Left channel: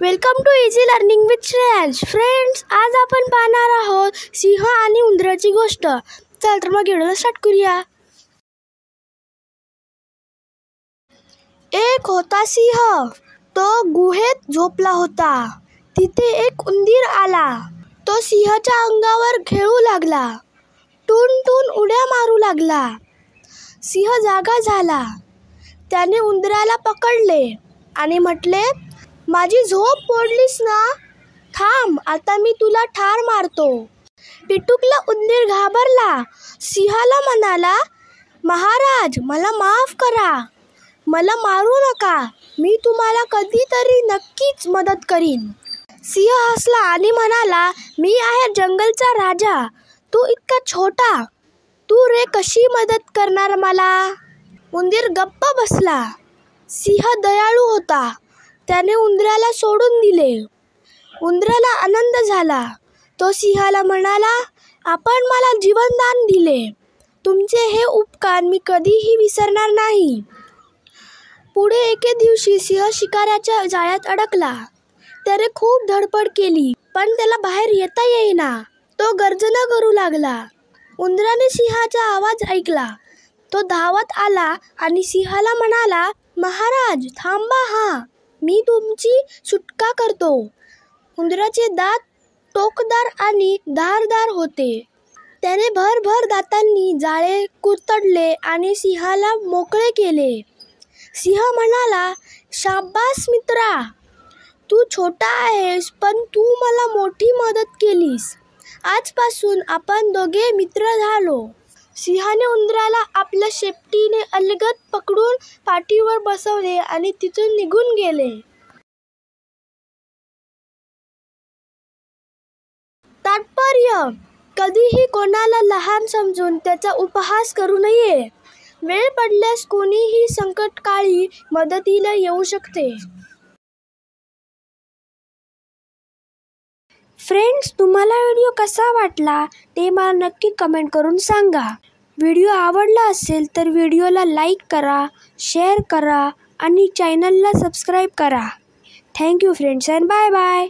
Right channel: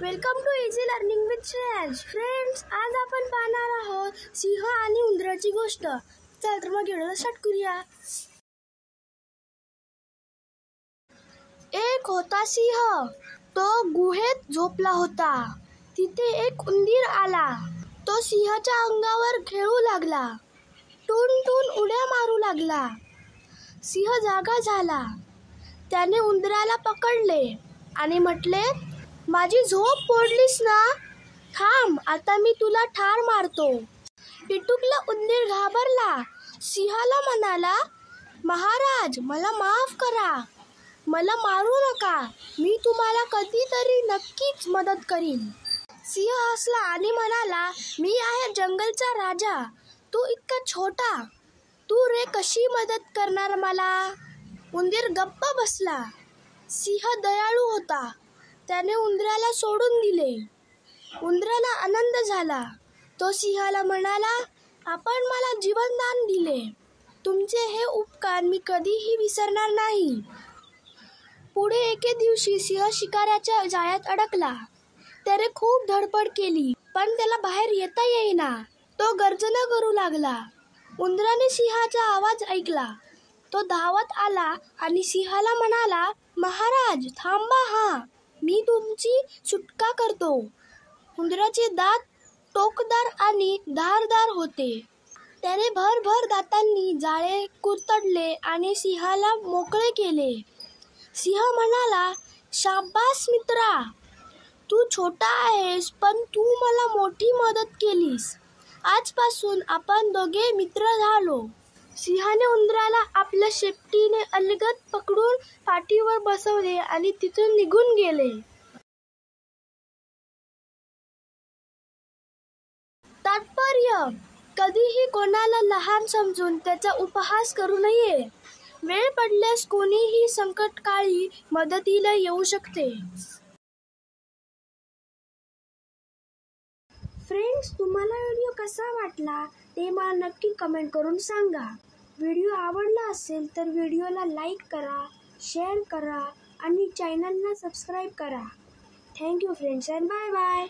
Welcome to easy learning with Shreyansh. Friends, आज आपण पाहणार आहोत सिंह आणि उंदराची गोष्ट. चल तर मग व्हिडिओ स्टार्ट करूया. एक होता सिंह. तो गुहेत झोपला होता. तिथे एक उंदीर आला. तो सिंहाच्या अंगावर खेळू लागला. टून टून उड्या मारू लागला. सिंह जागा झाला. त्याने उंदराला पकडले आणि म्हटले, माझी झोप मोडलीस ना? थांब, आता मी तुला ठार मारतो. पिटुकला उंदीर घाबरला. सिंहाला म्हणाला, महाराज, मला माफ करा. मला मारू नका. मी तुम्हाला कधीतरी नक्कीच मदत करीन. सिंह हसला आणि म्हणाला, मी आहे जंगलचा राजा. तू इतका छोटा. तू रे कशी मदत करणार मला? उंदीर गप्प बसला. सिंह दयाळू होता. त्याने उंदराला सोडून दिले. उंदराला आनंद झाला. तो सिंहाला म्हणाला, आपण मला जीवनदान दिले. तुमचे हे उपकार मी कधीही विसरणार नाही. पुढे एके दिवशी सिंह शिकाऱ्याच्या जाळ्यात अडकला. त्याने खूप धडपड केली, पण त्याला बाहेर येता येईना. तो गर्जना करू लागला. उंदराने सिंहाचा आवाज ऐकला. तो धावत आला आणि सिंहाला म्हणाला, महाराज, थांबा हा. मी तुमची सुटका करतो. उंदराचे दात टोकदार आणि धारदार होते. त्याने भरभर दातांनी जाळे कुरतडले आणि सिंहाला मोकळे केले. सिंह म्हणाला, शाबास मित्रा. तू छोटा आहेस, पण तू मला मोठी मदत केलीस. आजपासून आपण दोघे मित्र झालो. सिंहाने उंदराला आपल्या शेपटीने अलगद पकडून पाठीवर बसवले आणि तिथून निघून गेले. तात्पर्य: कधीही कोणाला लहान समजून त्याचा उपहास करू नये. वेळ पडल्यास कोणीही संकटकाळी मदतीला येऊ शकते. फ्रेंड्स, तुम्हाला व्हिडिओ कसा वाटला ते मला नक्की कमेंट करून सांगा. व्हिडिओ आवडला असेल तर व्हिडिओला लाईक करा, शेअर करा आणि चॅनलला सबस्क्राईब करा. Thank you friends and bye bye.